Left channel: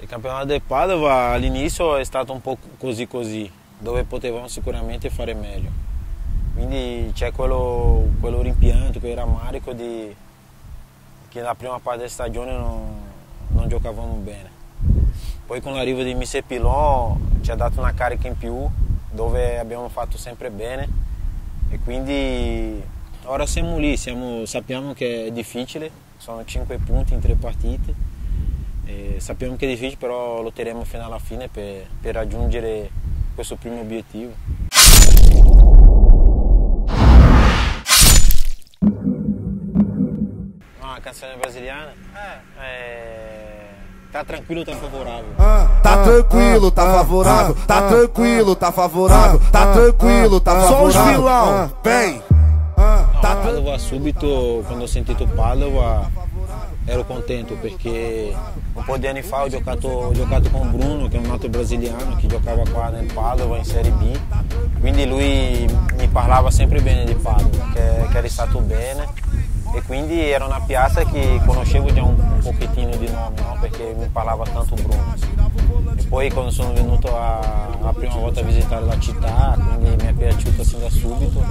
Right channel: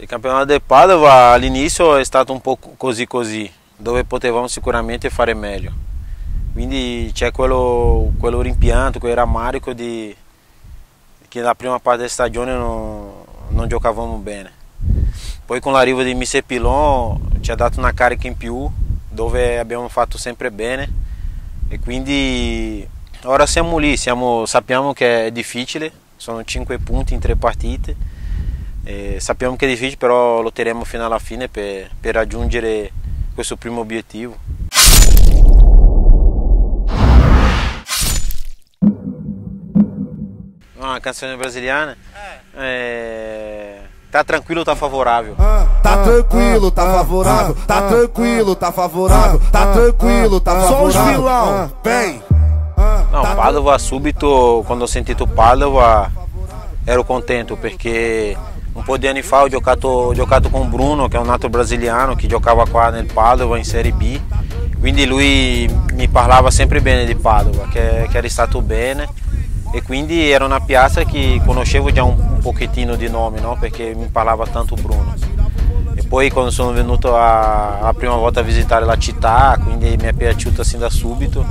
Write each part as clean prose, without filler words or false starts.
Il campionato del Padova all'inizio è stato un po' così, dove potevamo sicuramente fare meglio. Quindi c'è quello rimpianto, quel rammarico che nella prima parte della stagione non giocavamo bene. Poi con l'arrivo di Mister Pilon ci ha dato una carica in più, dove abbiamo fatto sempre bene e quindi ora siamo lì, sappiamo che è difficile, sono 5 punti in 3 partite. Sappiamo che è difficile, però lotteremo fino alla fine per raggiungere questo primo obiettivo. Uma canzone brasiliana? Tá tranquilo, tá favorável. Tá tranquilo, tá favorável. Tá tranquilo, tá favorável. Tá tranquilo, tá favorável. Só os vilão, vem. Não, Padova subito, quando ho sentito Padova ero contento perché un po' di anni fa ho giocato con Bruno, che è un altro brasiliano che giocava qua nel Padova in Serie B, quindi lui mi parlava sempre bene di Padova, che era stato bene e quindi era una piazza che conoscevo già un pochettino di nome, no? Perché mi parlava tanto Bruno. E poi quando sono venuto la prima volta a visitare la città, quindi mi è piaciuta sin da subito,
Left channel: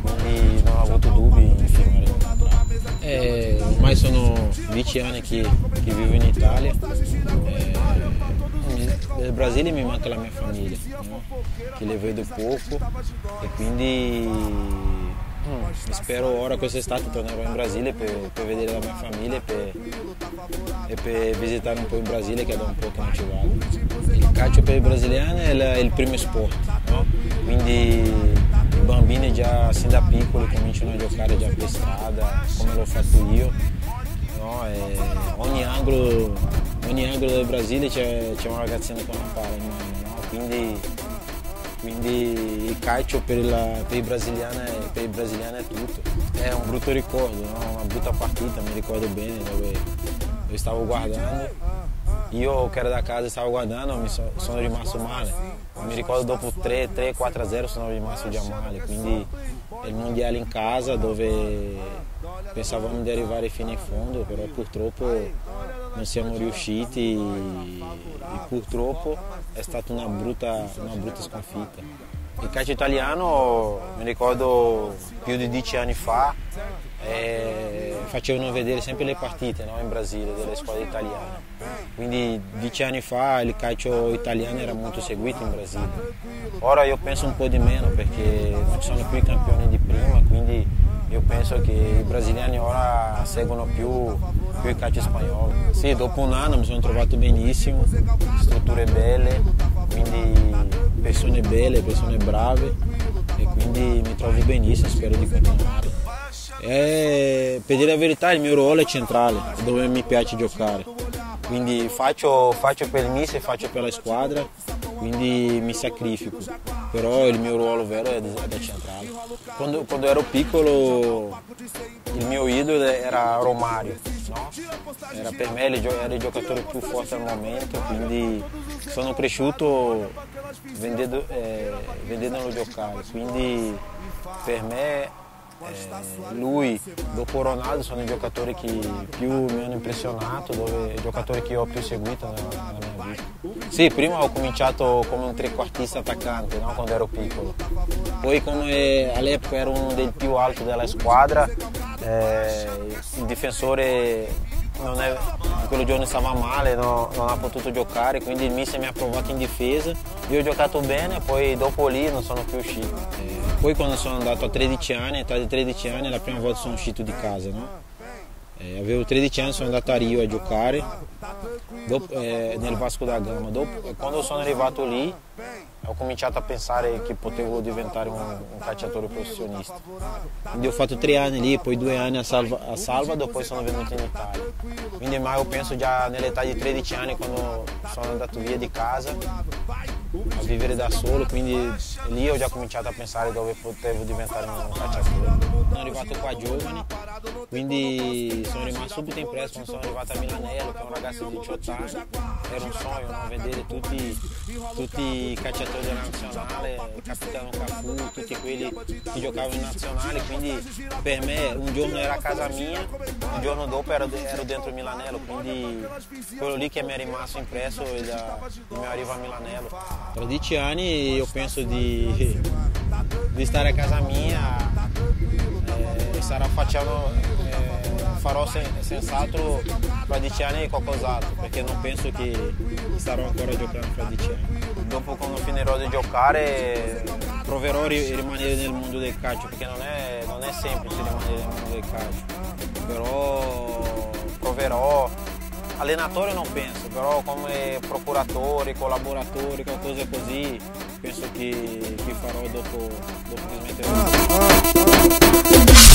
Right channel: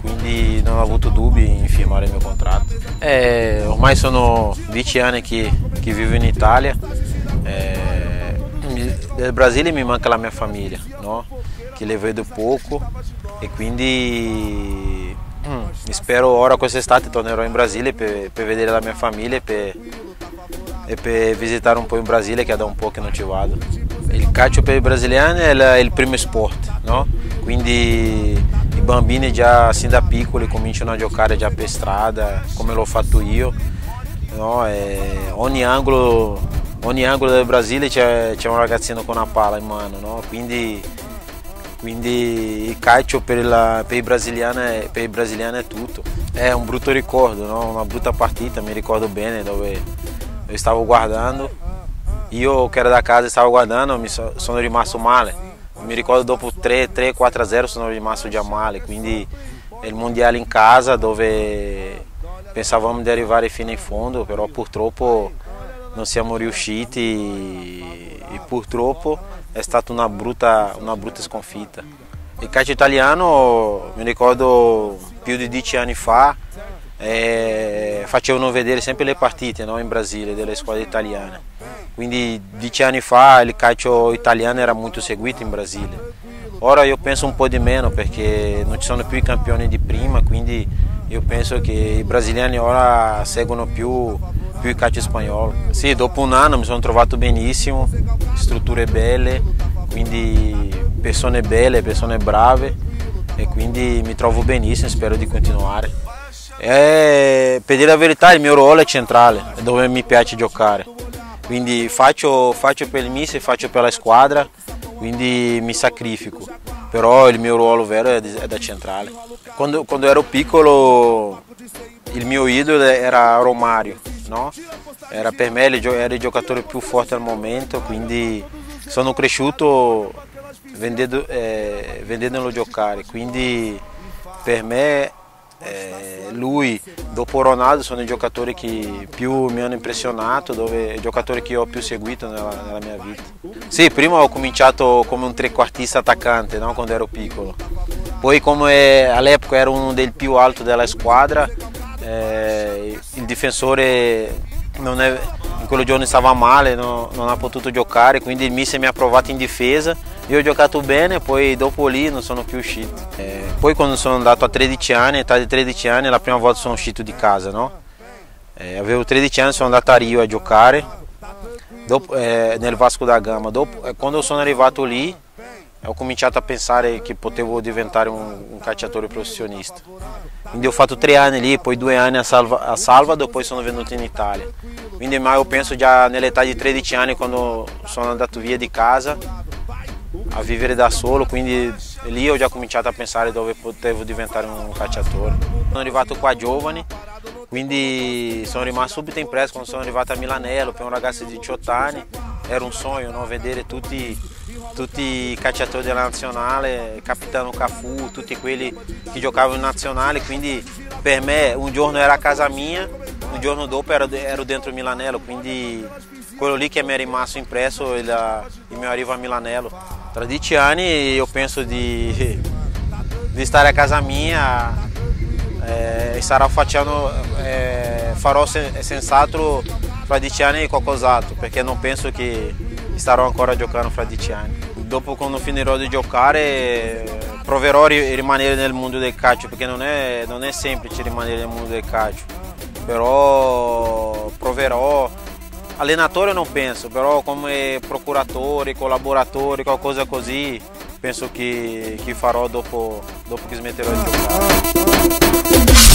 quindi non ho avuto dubbi in firmare il mio contratto. Ormai sono 10 anni che vivo in Italia. Nel Brasile mi manca la mia famiglia, no? Che le vedo poco e quindi spero ora quest'estate tornerò in Brasile per vedere la mia famiglia e per visitare un po' il Brasile, che è da un po' che non ci vado. Il calcio per i brasiliani è il primo sport, no? Quindi i bambini già sin da piccoli cominciano a giocare già per strada, come l'ho fatto io, no? E ogni angolo del Brasile c'è un ragazzino con una palla in mano, no? Quindi il calcio per i brasiliani è tutto. È un brutto ricordo, no? Una brutta partita, mi ricordo bene, dove io stavo guardando, io che ero da casa stavo guardando, sono rimasto male. Mi ricordo dopo 3-4-0 sono rimasto già male, quindi è il mondiale in casa dove pensavamo di arrivare fino in fondo, però purtroppo non siamo riusciti. E purtroppo è stata una brutta sconfitta. Il calcio italiano, mi ricordo più di 10 anni fa, facevano vedere sempre le partite, no, in Brasile delle squadre italiane. Quindi 10 anni fa il calcio italiano era molto seguito in Brasile. Ora io penso un po' di meno perché non ci sono più i campioni di prima, quindi io penso che i brasiliani ora seguono più il calcio spagnolo. Sì, dopo un anno mi sono trovato benissimo, strutture belle, quindi persone belle, persone brave e quindi mi trovo benissimo, spero di continuare. Per dire la verità il mio ruolo è centrale, dove mi piace giocare, quindi faccio per il mister, faccio per la squadra, quindi mi sacrifico. Però il mio ruolo vero è da centrale. Quando ero piccolo il mio idolo era Romario, no? Era per me era il giocatore più forte al momento, quindi sono cresciuto vedendolo giocare, quindi per me lui, dopo Ronaldo, sono i giocatori che più mi hanno impressionato, i giocatori che ho più seguito nella mia vita. Sì, prima ho cominciato come un trequartista attaccante, no? Quando ero piccolo. Poi come all'epoca ero uno dei più alti della squadra, il difensore in quel giorno stava male, non ha potuto giocare, quindi il mister mi ha provato in difesa. Io ho giocato bene, poi dopo lì non sono più uscito. Poi quando sono andato a 13 anni, età di 13 anni, la prima volta sono uscito di casa, no? Avevo 13 anni, sono andato a Rio a giocare, nel Vasco da Gama. Quando sono arrivato lì ho cominciato a pensare che potevo diventare un calciatore professionista. Quindi ho fatto 3 anni lì, poi 2 anni a Salvador, poi sono venuto in Italia. Quindi ma io penso già nell'età di 13 anni, quando sono andato via di casa a vivere da solo, quindi lì ho già cominciato a pensare dove potevo diventare un calciatore. Sono arrivato qua giovane, quindi sono rimasto subito impresso quando sono arrivato a Milanello, che è un ragazzo di 18 anni, era un sogno, no? Vedere tutti i calciatori della nazionale, capitano Cafu, tutti quelli che giocavano in nazionale, quindi per me un giorno era a casa mia, un giorno dopo ero dentro Milanello, quindi quello lì che mi è rimasto impresso è il mio arrivo a Milanello. Tra 10 anni io penso di stare a casa mia e farò senz'altro fra 10 anni qualcos'altro, perché non penso che starò ancora giocando fra 10 anni. Dopo, quando finirò di giocare, proverò a rimanere nel mondo del calcio, perché non è semplice rimanere nel mondo del calcio, però proverò. Allenatore non penso, però come procuratore, collaboratore, qualcosa così, penso che farò dopo che smetterò di giocare.